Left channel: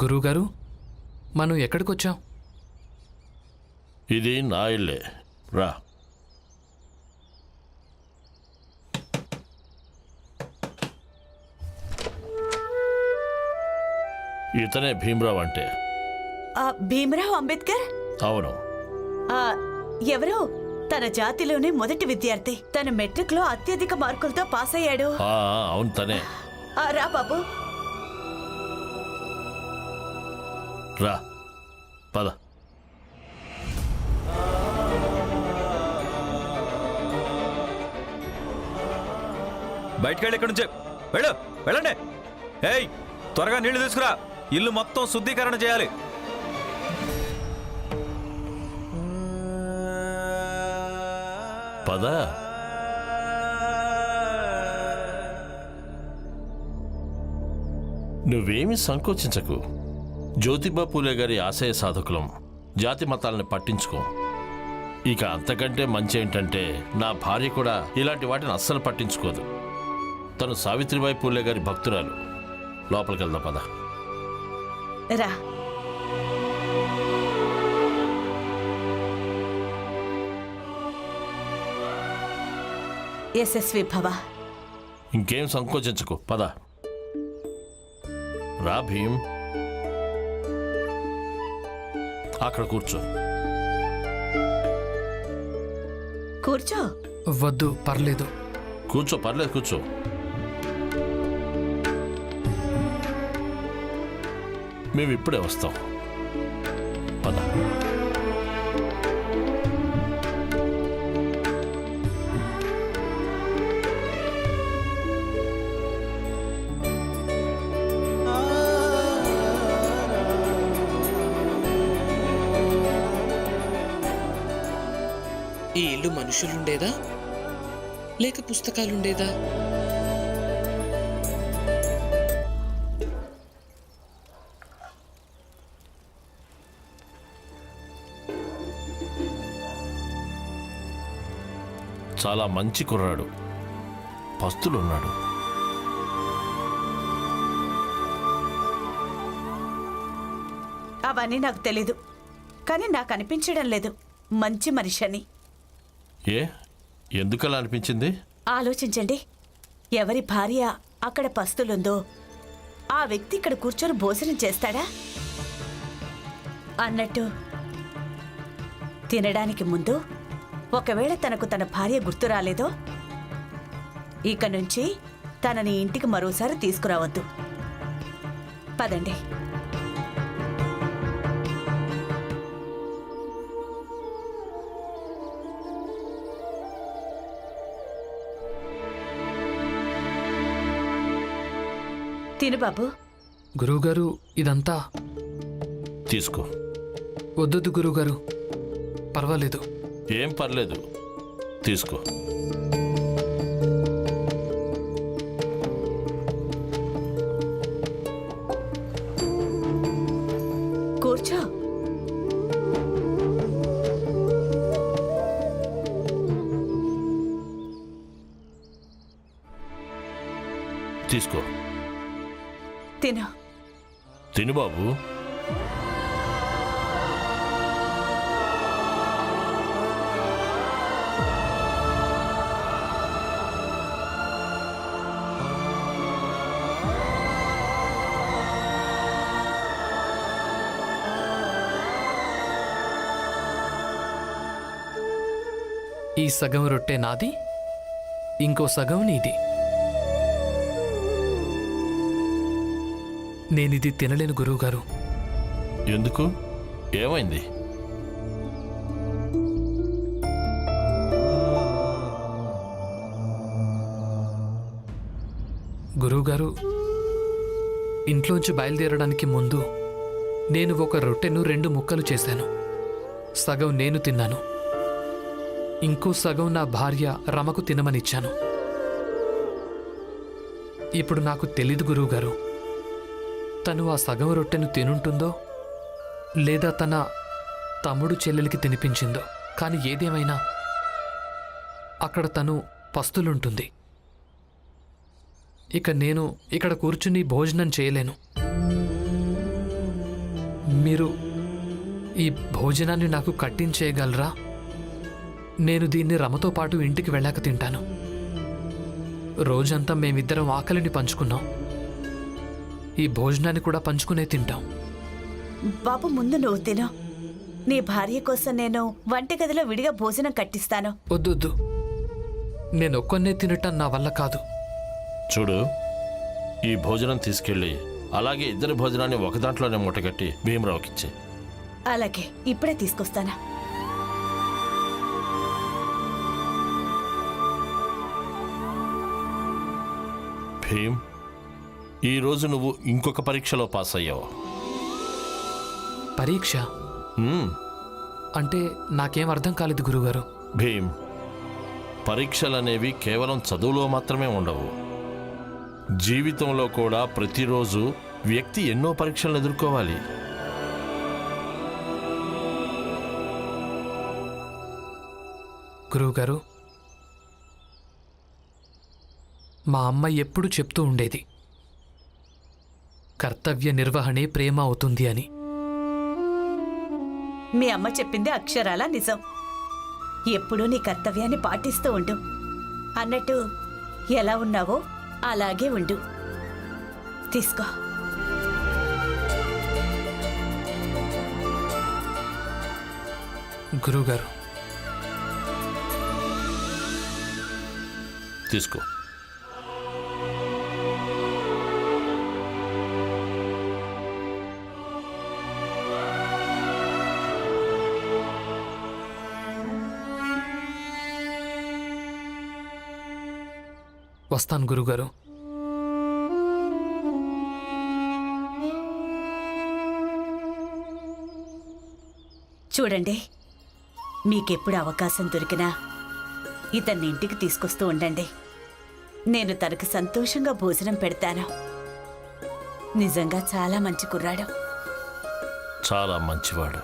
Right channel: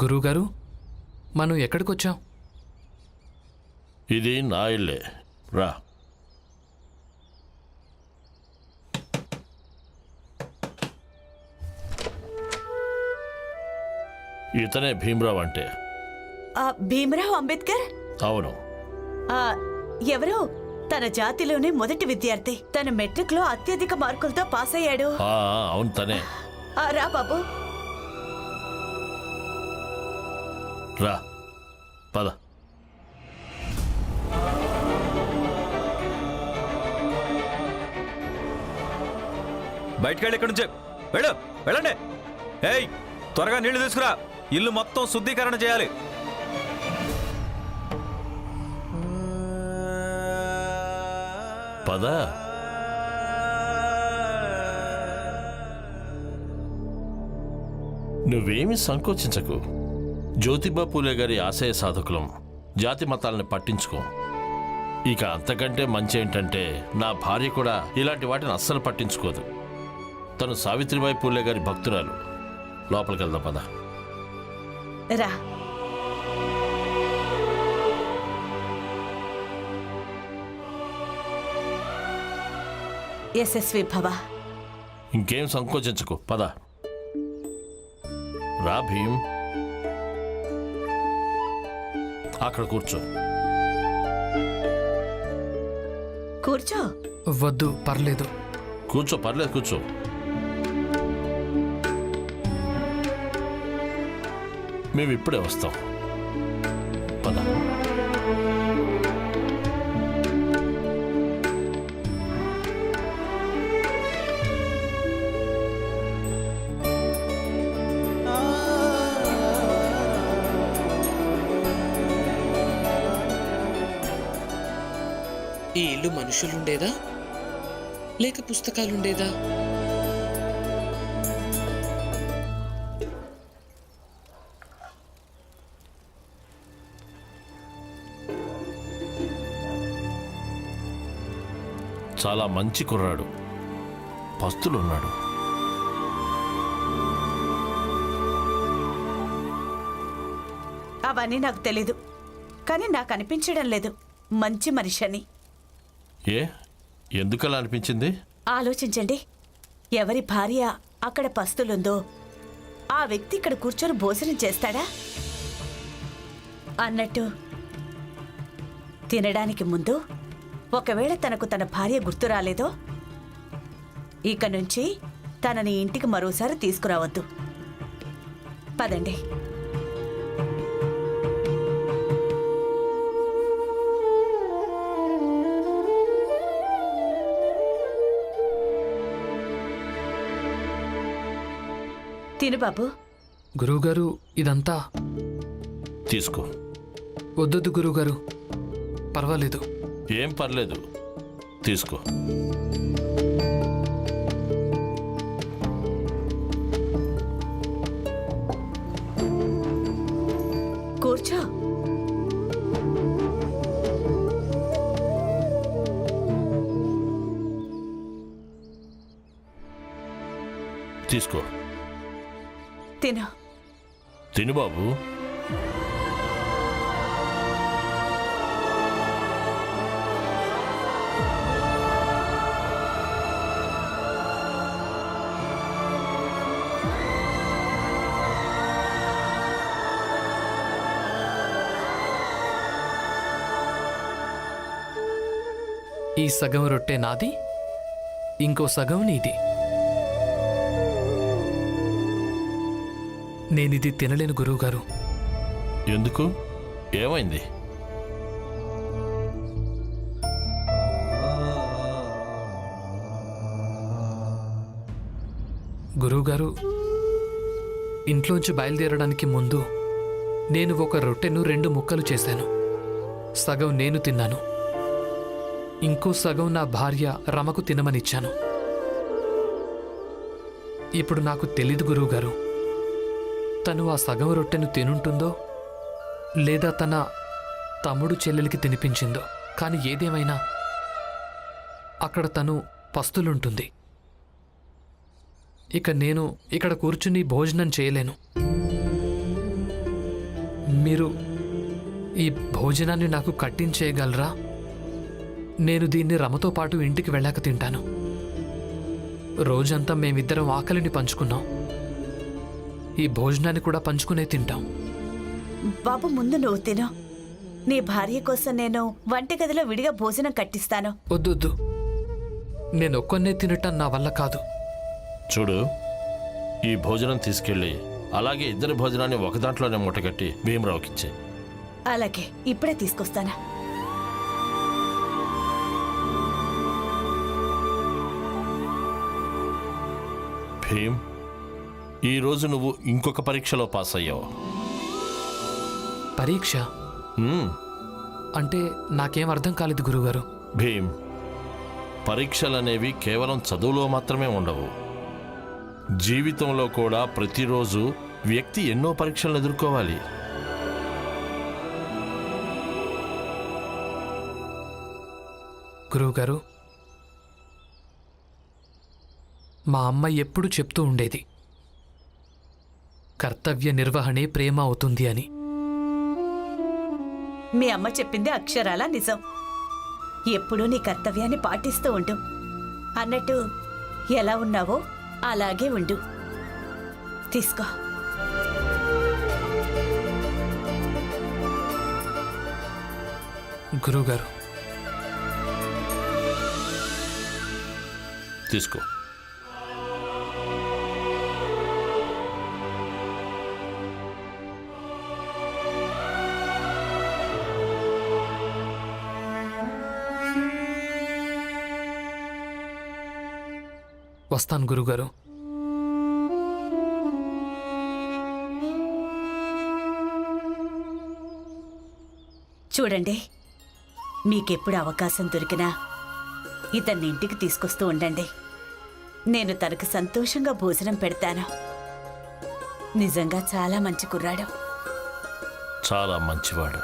గురువుగారు, మనం ఎక్కడికొచ్చాం? ఇది నా ఇల్లే, రా. ఇతనే భీమరావు అంటే. భీమరావు అంబేద్కర్? అవును. ఎవరో తన జాతిలోనే మొదటి విద్యార్థి. తన మెట్రిక్ లో అత్యధిక మార్కులతో పాస్ అయ్యాడు. అవును, తనే. రా బాబు, రా, పద. బయటకెళ్ళి ఇక్కడి నుంచే వెళ్ళండి. ఏయ్, త్వరగా నీళ్లు తీసుకురా. ఇల్లు మొత్తం శుద్ధీకరణ చేయాలి. పద. నువ్వేమీ సంకోచించకు. జ్యోతిబా పూలే గారి ఆశయ సాధకులం. జాతి మతాలని పట్టించుకో. ఇక అంతకంటే మంచి ఏంటంటే నా భార్య కూడా ఇలాంటి వాటిని అస్సలు పట్టించుకోదు. తను సావిత్రిబాయి పూలే గారి భక్తురాలు. లోపలికి వెళ్దాం, పద. రా. యశస్వి భవ. ఇంకేం సంకోచించకు, పద. రా భీమ్, అక్కడ కూర్చో. కూర్చో. వద్దు, పర్లేదు. కూర్చో, పర్లేదు, కూర్చో. మేము ఇప్పుడే వస్తాం, పద. ఈ ఇల్లు మనుషులుండేదా లేక పుస్తకాలుండేదా? చాలా మంచి కుర్రాడు, పస్తులున్నాడు. అవన్నీ నాకు తెలీదు, కానీ నాకు అనిపించడం లేదు మంచి మనిషి అని. ఎందుకలా అనిపించింది? ఆలోచించండి. ఎవరి భార్య అక్కడ పస్తులుందో ఆ వ్యక్తి ఇక్కడ కూర్చొని భోజనం చేస్తాడా? అన్నట్టు తినడానికి ముందు ఒకవేళ తనకు తన భార్య గుర్తు రాలేదో ఇక నుంచి తనని ఇంటికి మరోసారి తీసుకురావద్దు. పదండి. తిను బాబు. గురువుగారు, ఇదంతా తీసుకో. వద్దొద్దు గురువుగారు, పర్వాలేదు. ఏం పర్లేదు, తీసుకో. కూర్చో. తీసుకో. తిను. తిను బాబు. ఈ సగం రొట్టె నాది, ఇంకో సగం నీది. నేనిది తినలేను గురువుగారు. ఎందుకు? ఏమైంది? గురువుగారు, ఇంట్లోంచి బయలుదేరడానికి ముందు నేను ఒక రొట్టెను 2 ముక్కలు చేశాను. సగం నేను తిన్నాను, ఇంకో సగం నా భార్య రమకు తినమనిచ్చాను. ఇప్పుడు నాకు తెలీదు గురువుగారు, తను ఆ సగం రొట్టెను తినుంటుందో లేదా తన తమ్ముడు చెల్లెలికి తినిపించిందో. కానీ ఏదేమైనా అక్కడ తను పస్తులుంటుంది. ఇక నేను ఇక్కడ కూర్చుని భోజనం చేయలేను. మీరు ఈ భోజనాన్ని నాకు కట్టించేయగలరా? నేను దీన్ని రమతో పాటు ఇంటికి వెళ్ళాక తింటాను. రోజంతా మేమిద్దరం ఆకలిని పంచుకున్నాం. ఈ భోజనాన్ని కూడా పంచుకునే తింటాం. బాబు, ముందు నువ్వు తిను. నీ భార్య కోసం నేను వంటగదిలో విడిగా భోజనం కట్టిస్తాను. వద్దొద్దు, నేను ఒక్కనే తినటం నా వల్ల కాదు. చూడు, ఈ భోజనం తీసుకెళ్ళి అలాగే ఇద్దరి భోజనాన్ని ఒక దాంట్లోనే మూటగట్టి భీమరావుకిచ్చే. అలాగే, ఇప్పుడే తీసుకొస్తానా. భీమ్, ఈరోజు నువ్వు ఇంకొక పరీక్షలో పాస్ అయ్యావు. పరీక్ష మ్మ్. అంటే నాకేం అర్థం కాలేదు గురుగారు. భీమ్, పరీక్షలనేవి కేవలం చదువులో మాత్రమే ఉండవు. జీవితంలో కూడా ప్రతిరోజు వ్యక్తి ఎన్నో పరీక్షలను ఎదుర్కోవాలి. గురువుగారు, మా అమ్మ ఎప్పుడు చెప్తూ ఉండేది, కర్తవ్య నిర్వహణే ప్రేమ అవుతుంది అని. మీ అమ్మ చెప్పింది అక్షరాలా నిజం. ఎప్పుడూ నీ కర్తవ్యాన్ని పాటిస్తూ ఉండు. అన్నట్టు ఎలా ఉన్నావో అలాగే ఉండు. తీసుకో. గురువుగారు, తీసుకో. వస్తాను గురుగారు. చూడండి, మీకెప్పుడు అవకాశం దొరికినా ఇతన్ని ఇంటికి తీసుకొస్తూ ఉండండి. నేను తనకు సంతోషంగా భోజనం పెడతాను. నిజంగా చాలా మంచి కుర్రాడు. చాలా మంచివాడు.